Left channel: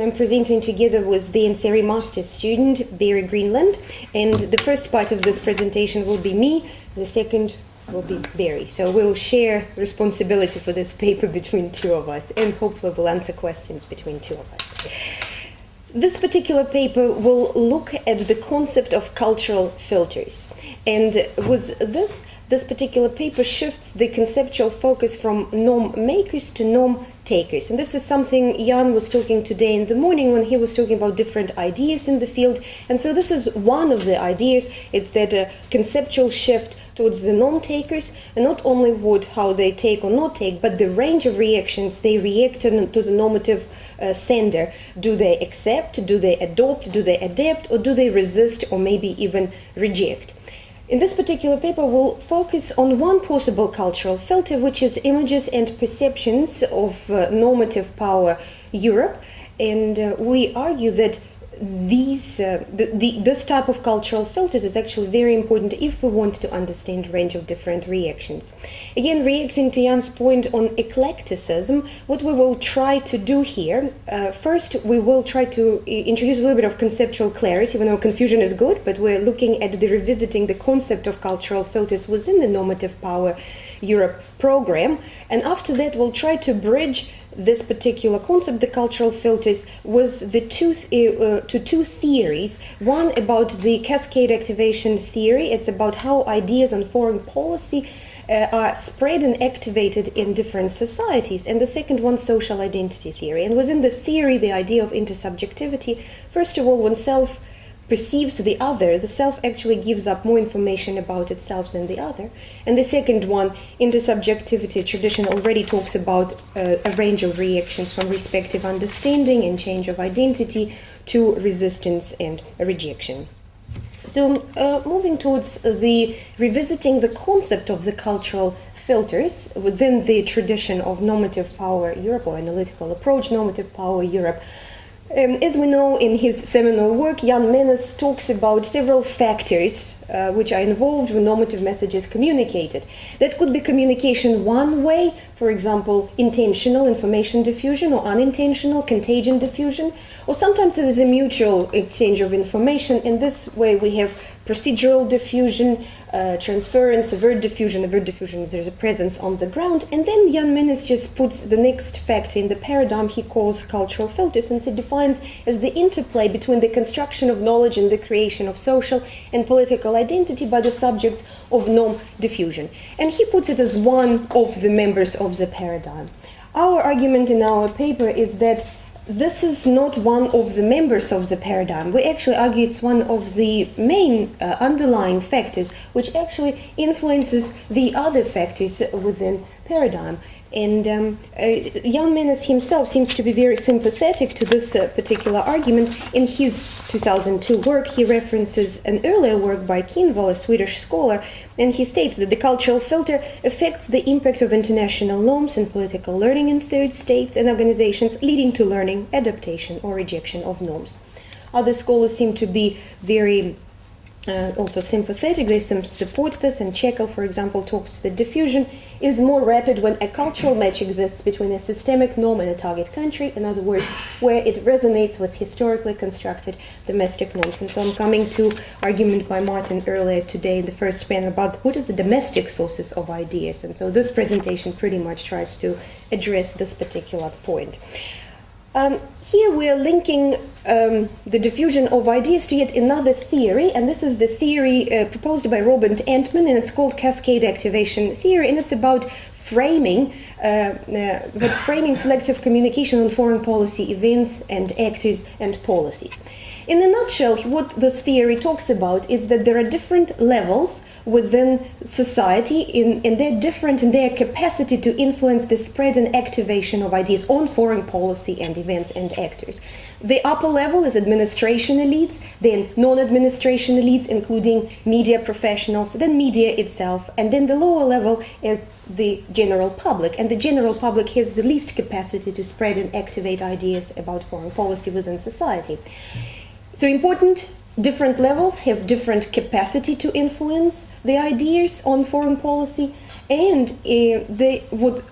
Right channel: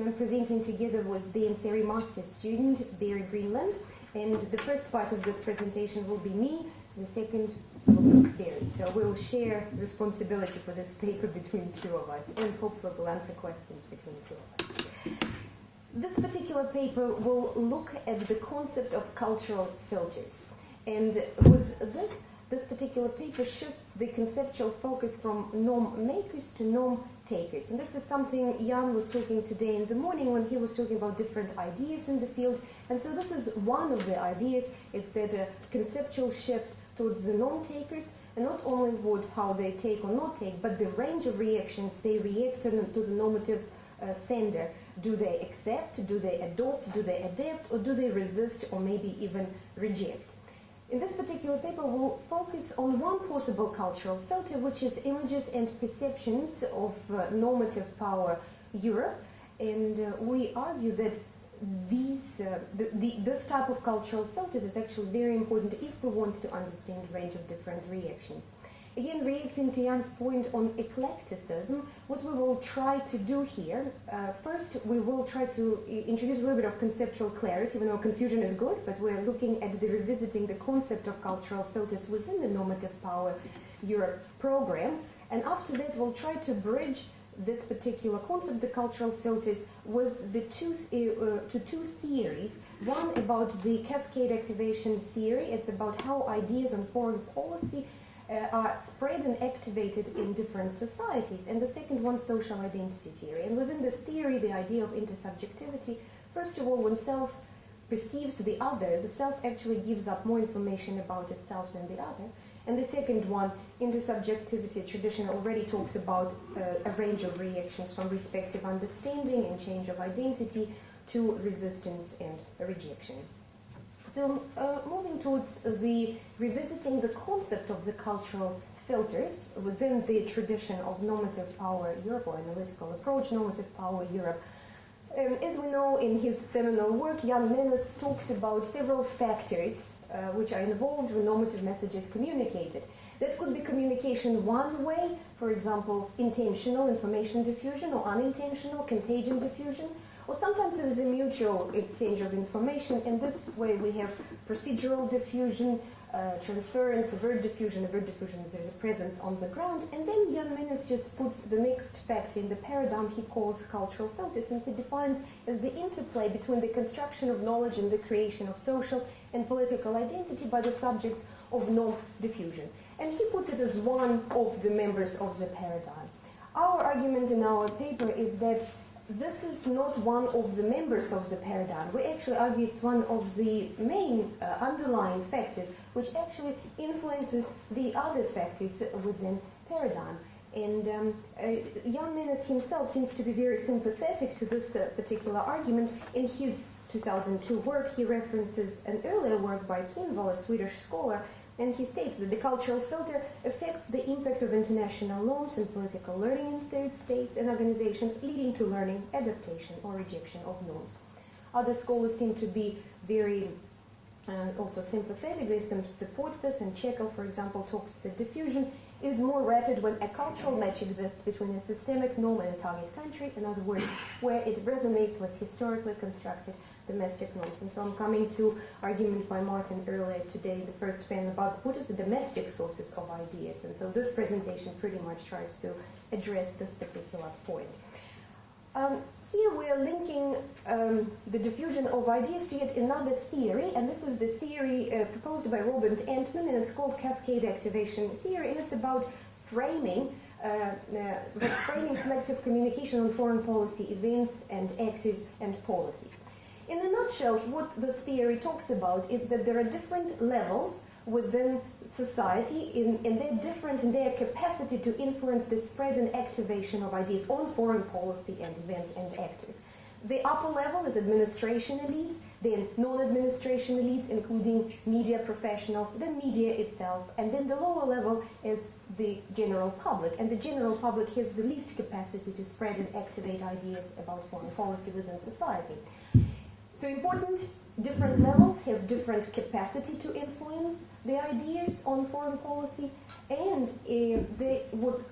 I'm presenting together with the NCRE master's student, Barry Greenland, and the first part of this presentation will be me, the second will be Barry. So we'll share responsibility for this paper between two of us, and hopefully we'll answer questions between two of us. This particular paper will look at the concept of cultural filters, and with this particular paper shifts the conceptual focus from norm makers to norm takers. And this is something Jan was talking today in the morning when he was talking about different ideas in the field. And so this is one of the ideas. It's that a conceptual shift towards the norm takers, and not only how they take or not take, but the range of reactions they react to the normative sender. Do they accept, do they adopt, do they adapt, or do they resist or maybe even reject? In this particular paper, we'll focus on one possible cultural filter, which is images and perceptions of normative power Europe. And we argue that this type of cultural filters is actually very important if we want to understand a range of different reactions. Again, reacting to Jan's point on eclecticism, what we will try to do here, first we will try to introduce a little bit of conceptual clarity. We know confusion is good, but we're looking at revisiting the concept of cultural filters within the normative power Europe program. And after that, we'll try to bridge this particular concept, the cultural filters, was the two theories. One about the cascade activation theory. It's about how ideas on foreign policy are spread and activated in different societies. And the second one, social identity theory. And within this theory, the idea of intersubjectivity, first of all, when self perceives the other, the self actually gives up more information about itself than the other. And the second one, intersubjectivity tradition, already talks about a range of reactions from respective understanding and change of identity to resistance and rejection. So moving towards revisiting the concept of the cultural filters within the tradition of normative power Europe, or analytical approach normative power Europe. As we know, in his seminal work, Jan Menes talks about several factors which are involved when normative messages communicated. That could be communication one way, for example, intentional information diffusion, or unintentional contagion diffusion, or sometimes there is a mutual exchange of information. In this way, we have procedural diffusion, transference, avert diffusion. Avert diffusion is there's a presence on the ground. And then Jan Menes just puts the next factor in the paradigm he calls cultural filters, and he defines as the interplay between the construction of knowledge and the creation of social and political identity by the subjects of norm diffusion. And he puts it as one of the members of the paradigm. Our argument in our paper is that this is not one of the members of the paradigm. We actually argue it's one of the main underlying factors which actually influences the other factors within paradigm. And Jan Menes himself seems to be very sympathetic to this particular argument. In his 2002 work, he references an earlier work by Kinvall, a Swedish scholar, and he states that the cultural filter affects the impact of international norms and political learning in third states and organizations, leading to learning, adaptation, or rejection of norms. Other scholars seem to be very also sympathetic. They support this, and Chekhov, for example, talks that diffusion is more rapid when a cultural match exists between a systemic norm and a target country, in other words, where it resonates with historically constructed domestic norms. And so I'm coming to argument by Martin earlier today in the first panel about what is the domestic sources of ideas. And so this presentation pretty much tries to address this particular point. Here we are linking the diffusion of ideas to yet another theory, and this is the theory proposed by Robert Entman, and it's called cascade activation theory, and it's about framing selective communication on foreign policy events and actors and policies. In a nutshell, what this theory talks about is that there are different levels within society, and they're different in their capacity to influence the spread and activation of ideas on foreign policy and events and actors. The upper level is administration elites, then non-administration elites, including media professionals, then media itself, and then the lower level is the general public. And the general public has the least capacity to spread and activate ideas about foreign policy within society. So important, different levels have different capacity to influence the ideas on foreign policy, and what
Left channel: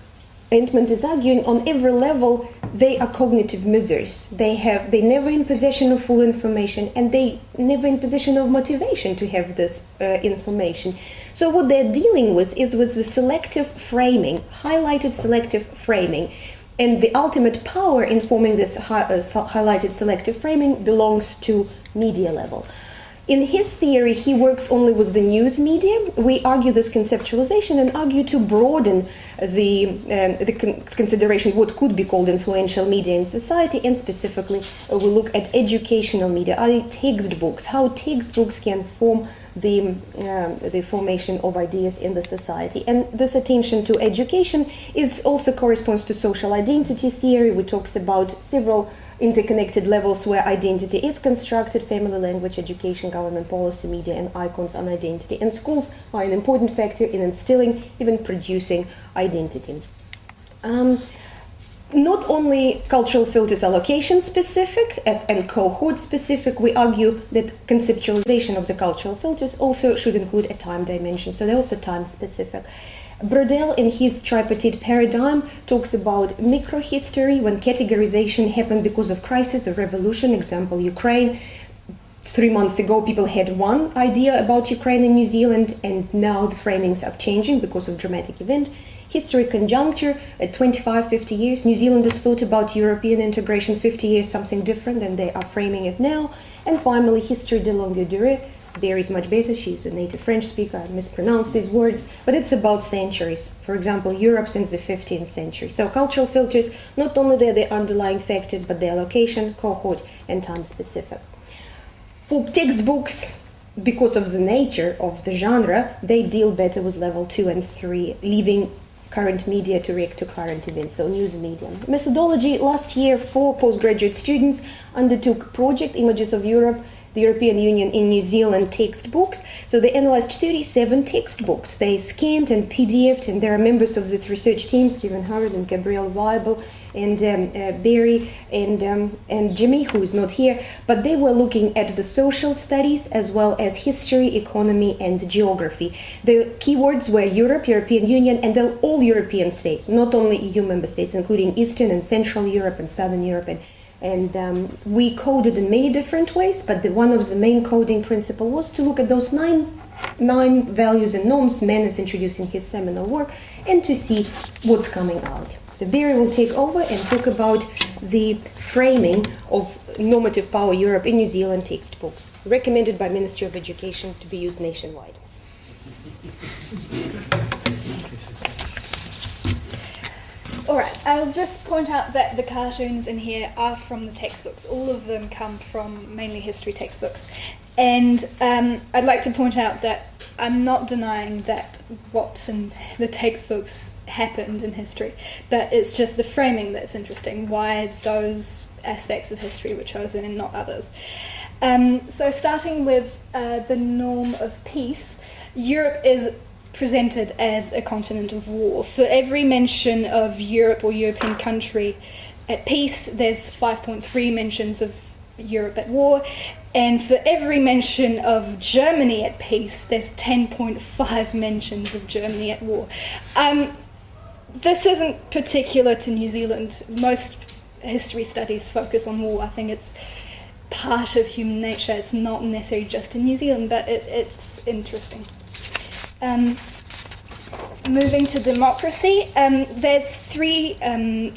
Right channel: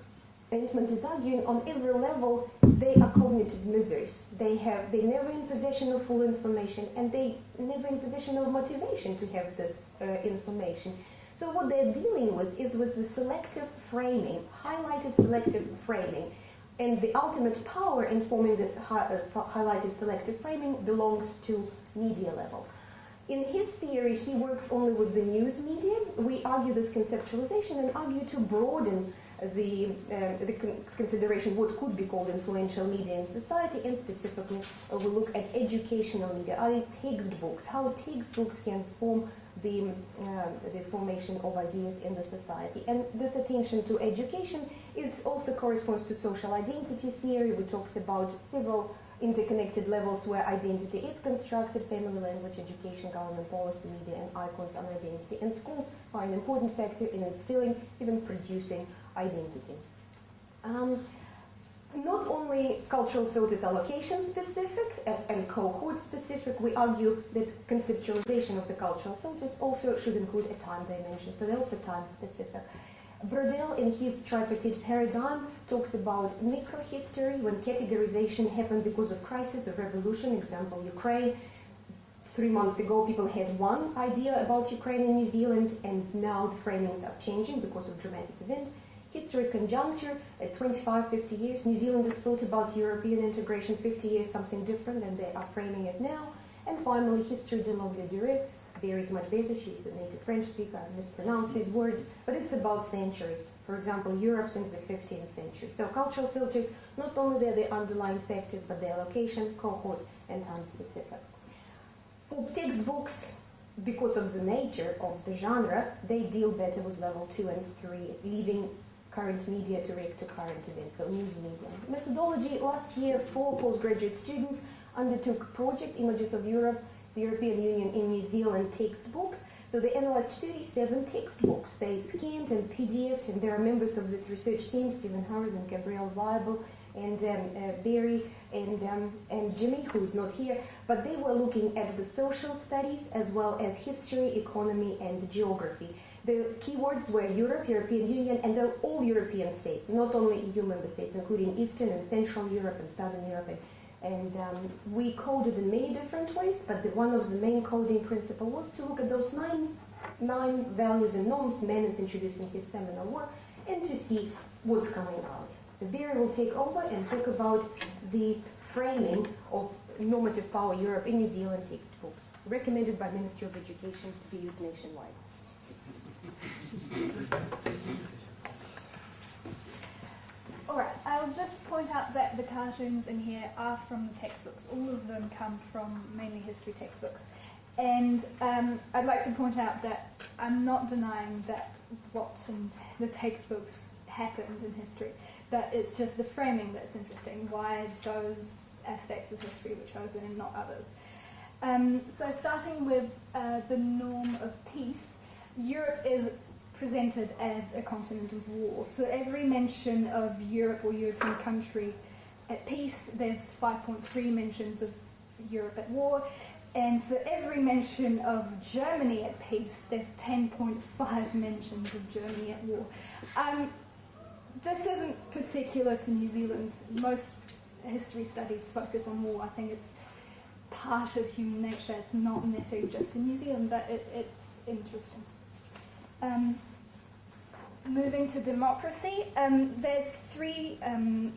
Entman is arguing, on every level they are cognitive misers. They're never in possession of full information, and they never in possession of motivation to have this information. So what they're dealing with is with the selective framing, highlighted selective framing. And the ultimate power in forming this highlighted selective framing belongs to media level. In his theory, he works only with the news media. We argue this conceptualization and argue to broaden the consideration what could be called influential media in society, and specifically we look at educational media, textbooks, how textbooks can form the formation of ideas in the society. And this attention to education also corresponds to social identity theory, which talks about several interconnected levels where identity is constructed: family, language, education, government policy, media, and icons on identity. And schools are an important factor in instilling, even producing identity. Not only cultural filters are location specific and cohort specific, we argue that conceptualization of the cultural filters also should include a time dimension, so they're also time specific. Brodel, in his tripartite paradigm, talks about microhistory, when categorization happened because of crisis or revolution. Example, Ukraine. 3 months ago, people had one idea about Ukraine and New Zealand, and now the framings are changing because of dramatic event. History conjuncture, at 25, 50 years, New Zealanders thought about European integration 50 years, something different, and they are framing it now. And finally, history de longue durée. Barry's much better, she's a native French speaker, I mispronounced these words, but it's about centuries. For example, Europe since the 15th century. So cultural filters, not only they're the underlying factors, but their location, cohort, and time specific. For textbooks, because of the nature of the genre, they deal better with level 2 and 3, leaving current media to react to current events, so news medium. Methodology: last year, 4 postgraduate students undertook project Images of Europe, the European Union in New Zealand textbooks. So they analyzed 37 textbooks. They scanned and PDF'd, and there are members of this research team, Stephen Howard and Gabrielle Weibel, and Barry and Jimmy, who's not here, but they were looking at the social studies as well as history, economy, and geography. The keywords were Europe, European Union, and all European states, not only EU member states, including Eastern and Central Europe and Southern Europe. And we coded in many different ways, but one of the main coding principles was to look at those nine values and norms Mann is introducing his seminal work, and to see what's coming out. So Barry will take over and talk about the framing of normative power Europe in New Zealand textbooks, recommended by Ministry of Education to be used nationwide. Alright, I'll just point out that the cartoons in here are from the textbooks. All of them come from mainly history textbooks. And I'd like to point out that I'm not denying that what's in the textbooks happened in history, but it's just the framing that's interesting, why those aspects of history were chosen and not others. So starting with the norm of peace, Europe is presented as a continent of war. For every mention of Europe or European country at peace, there's 5.3 mentions of Europe at war, and for every mention of Germany at peace, there's 10.5 mentions of Germany at war. This isn't particular to New Zealand. Most history studies focus on war. I think it's part of human nature. It's not necessarily just in New Zealand, but it's interesting. Moving to democracy, there's 3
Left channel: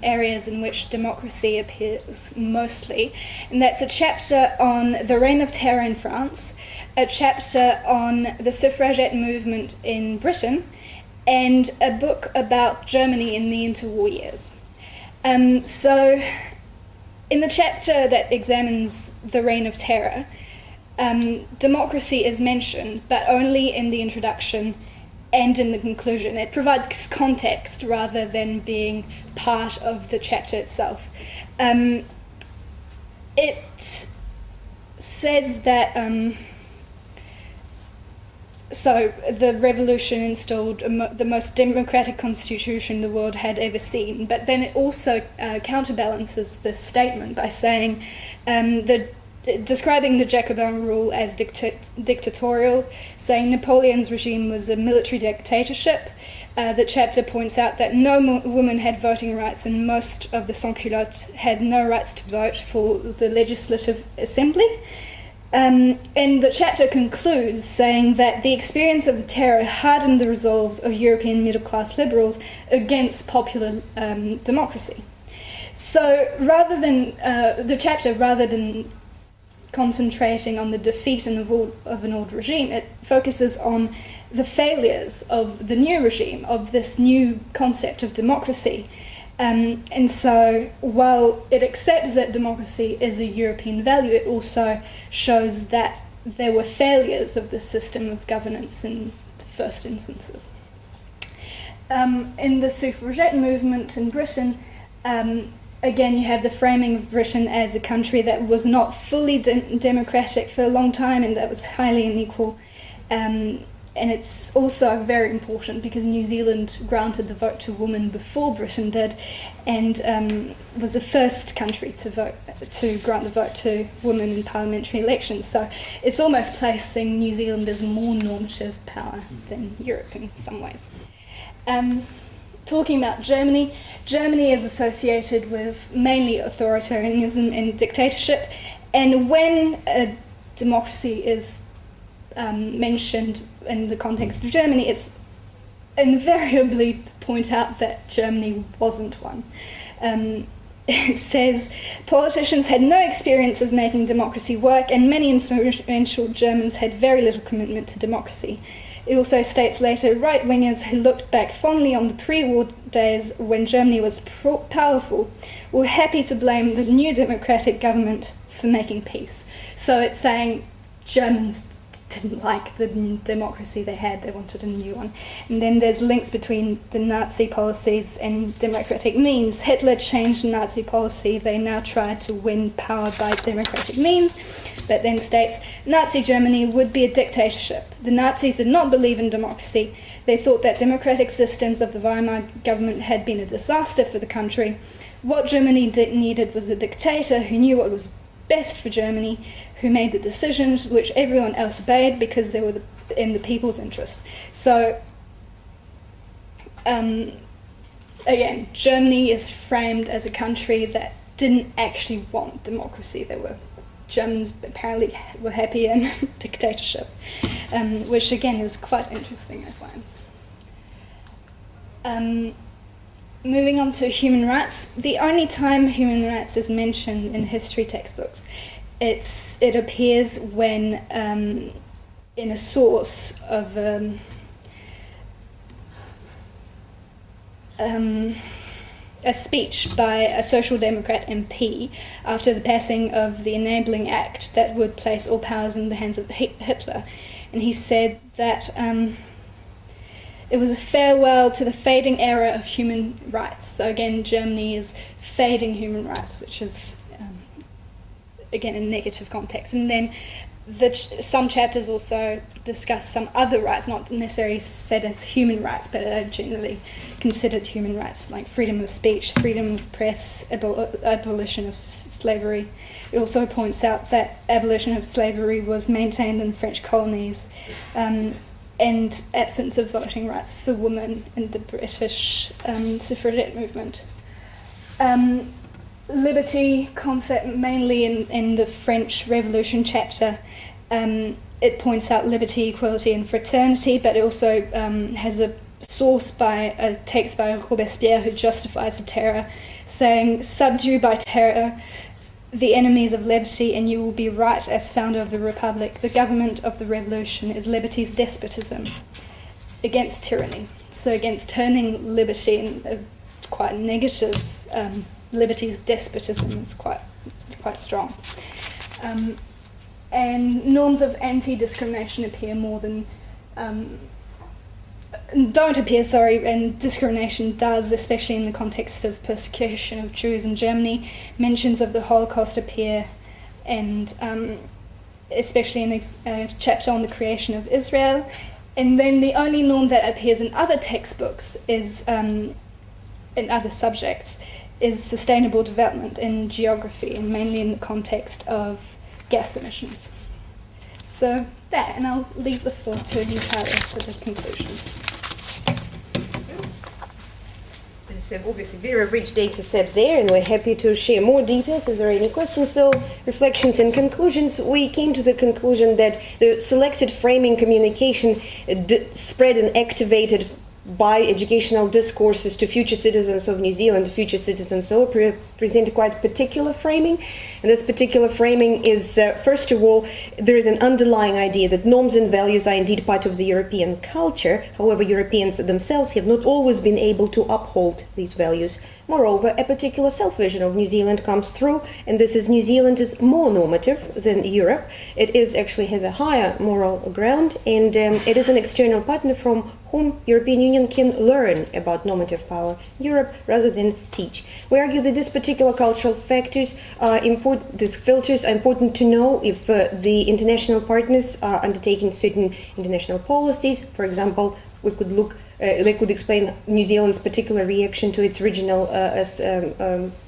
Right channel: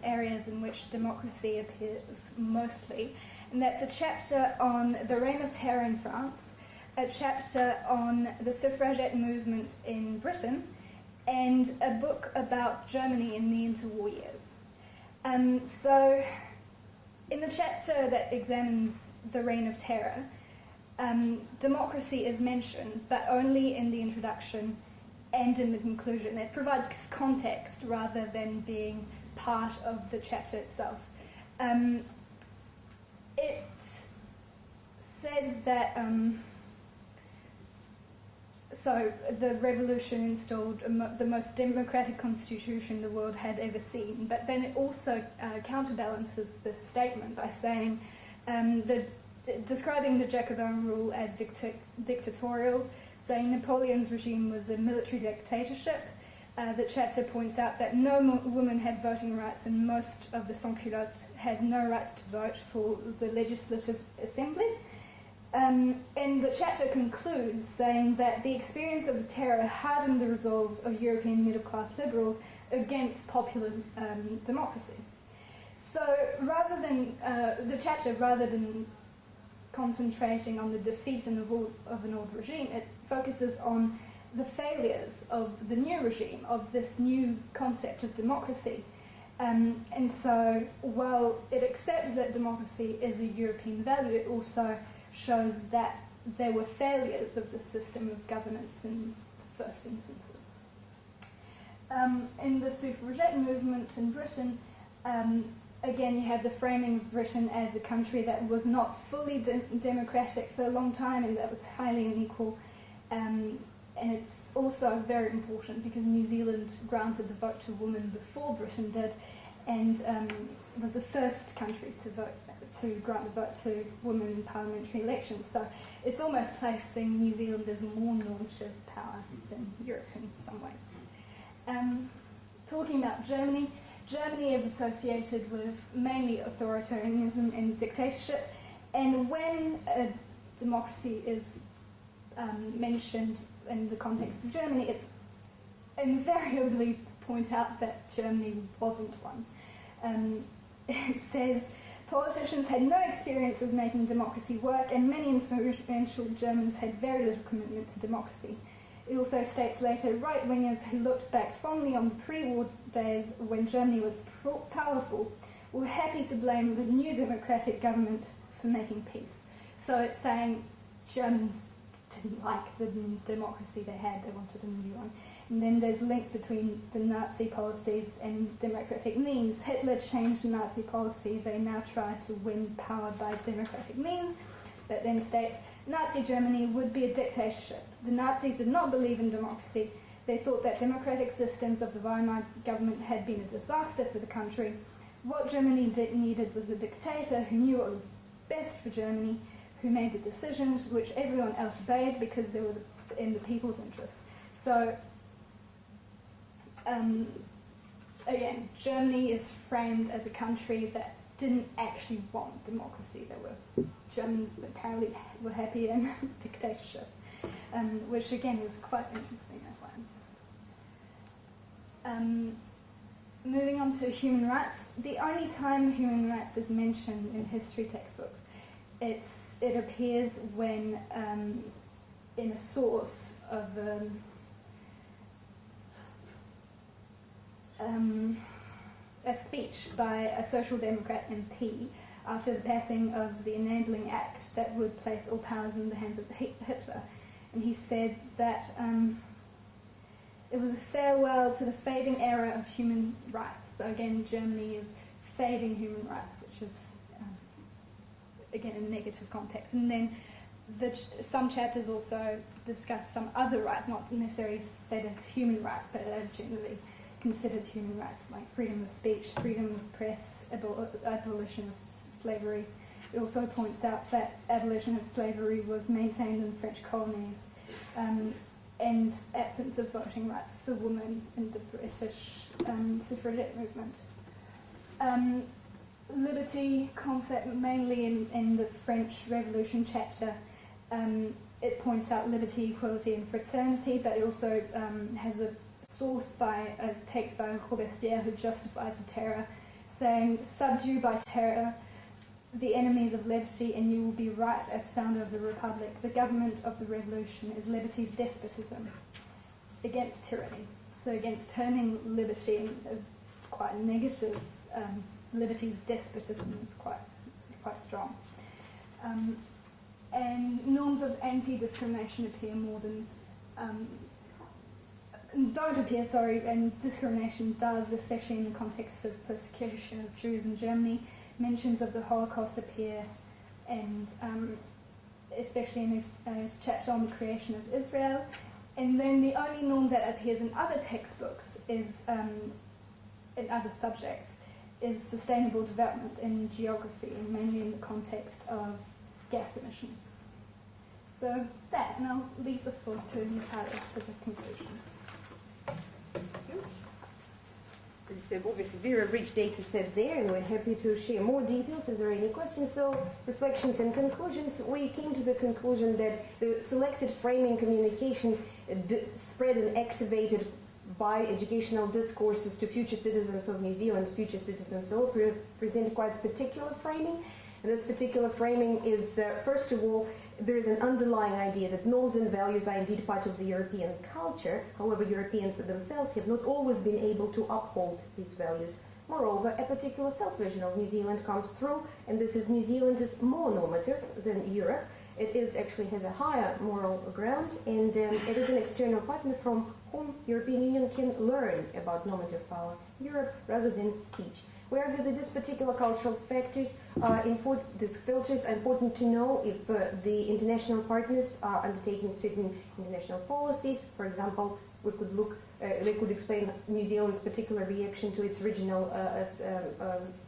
areas in which democracy appears mostly, and that's a chapter on the Reign of Terror in France, a chapter on the suffragette movement in Britain, and a book about Germany in the interwar years. So in the chapter that examines the Reign of Terror, democracy is mentioned, but only in the introduction and in the conclusion. It provides context rather than being part of the chapter itself. It says that so the revolution installed the most democratic constitution the world had ever seen, but then it also counterbalances this statement by saying the describing the Jacobin rule as dictatorial, saying Napoleon's regime was a military dictatorship. The chapter points out that no woman had voting rights, and most of the sans-culottes had no rights to vote for the Legislative Assembly. And the chapter concludes saying that the experience of the terror hardened the resolves of European middle-class liberals against popular democracy. So rather than concentrating on the defeat of an old regime, it focuses on the failures of the new regime, of this new concept of democracy. And so while it accepts that democracy is a European value, it also shows that there were failures of the system of governance in the first instances. In the suffragette movement in Britain, again, you have the framing of Britain as a country that was not fully democratic for a long time and that was highly unequal. And it's also very important because New Zealand granted the vote to women before Britain did, and was the first country to grant the vote to women in parliamentary elections. So it's almost placing New Zealand as more normative power than Europe in some ways. Talking about Germany, Germany is associated with mainly authoritarianism and dictatorship, and when a democracy is mentioned in the context of Germany, it's invariably to point out that Germany wasn't one. It says, politicians had no experience of making democracy work, and many influential Germans had very little commitment to democracy. It also states later, right-wingers who looked back fondly on the pre-war days when Germany was powerful were happy to blame the new democratic government for making peace. So it's saying Germans didn't like the democracy they had, they wanted a new one. And then there's links between the Nazi policies and democratic means. Hitler changed Nazi policy, they now tried to win power by democratic means, but then states, Nazi Germany would be a dictatorship. The Nazis did not believe in democracy. They thought that democratic systems of the Weimar government had been a disaster for the country. What Germany needed was a dictator who knew what was best for Germany, who made the decisions which everyone else obeyed because they were in the people's interest. So, again, Germany is framed as a country that didn't actually want democracy. Germans apparently were happy in dictatorship, which again is quite interesting, I find. Moving on to human rights, the only time human rights is mentioned in history textbooks, it appears when in a source of a speech by a Social Democrat MP after the passing of the Enabling Act that would place all powers in the hands of Hitler. And he said that it was a farewell to the fading era of human rights. So again, Germany is fading human rights, which is, again, a negative context. And then some chapters also discuss some other rights, not necessarily said as human rights, but are generally considered human rights, like freedom of speech, freedom of press, abolition of slavery. It also points out that abolition of slavery was maintained in French colonies, and absence of voting rights for women in the British suffragette movement. Liberty concept mainly in the French Revolution chapter. It points out liberty, equality and fraternity, but it also has a source by a text by Robespierre who justifies the terror, saying, subdue by terror the enemies of liberty, and you will be right as founder of the Republic. The government of the revolution is liberty's despotism against tyranny. So against turning liberty in a quite negative, liberty's despotism is quite strong. And norms of anti-discrimination appear more than don't appear, and discrimination does, especially in the context of persecution of Jews in Germany. Mentions of the Holocaust appear, and especially in a chapter on the creation of Israel. And then the only norm that appears in other textbooks is, in other subjects, is sustainable development in geography, and mainly in the context of gas emissions. So that, and I'll leave the floor to Natalia for the conclusions. It's obviously a very rich data set there, and we're happy to share more details if there are any questions. So, reflections and conclusions. We came to the conclusion that the selected framing communication spread and activated by educational discourses to future citizens of New Zealand, future citizens present quite particular framing. And this particular framing is, first of all, there is an underlying idea that norms and values are indeed part of the European culture. However, Europeans themselves have not always been able to uphold these values. Moreover, a particular self-vision of New Zealand comes through, and this is New Zealand is more normative than Europe. It is actually has a higher moral ground, and it is an external partner from whom European Union can learn about normative power in Europe rather than teach. We argue that these particular cultural factors are important, these filters are important to know if the international partners are undertaking certain international policies. For example, we could look they could explain New Zealand's particular reaction to its regional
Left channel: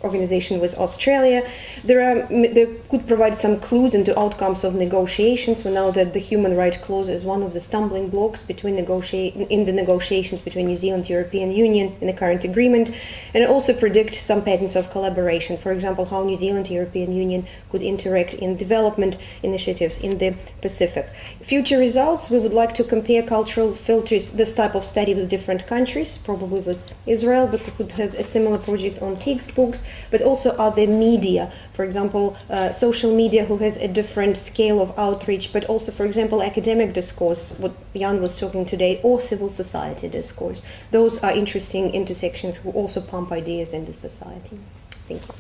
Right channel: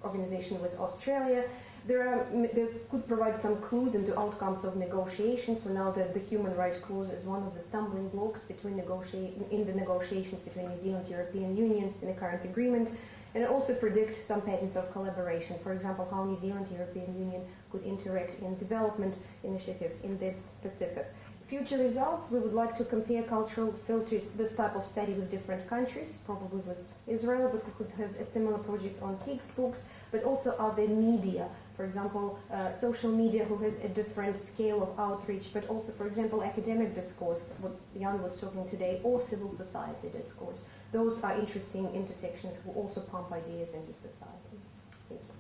organization with Australia. They could provide some clues into outcomes of negotiations. We know that the human rights clause is one of the stumbling blocks in the negotiations between New Zealand and European Union in the current agreement, and it also predicts some patterns of collaboration. For example, how New Zealand and European Union could interact in development initiatives in the Pacific. Future results, we would like to compare cultural filters, this type of study with different countries, probably with Israel, but it has a similar project on textbooks, but also other media. For example, social media, who has a different scale of outreach, but also, for example, academic discourse, what Jan was talking today, or civil society discourse. Those are interesting intersections who also pump ideas into society. Thank you.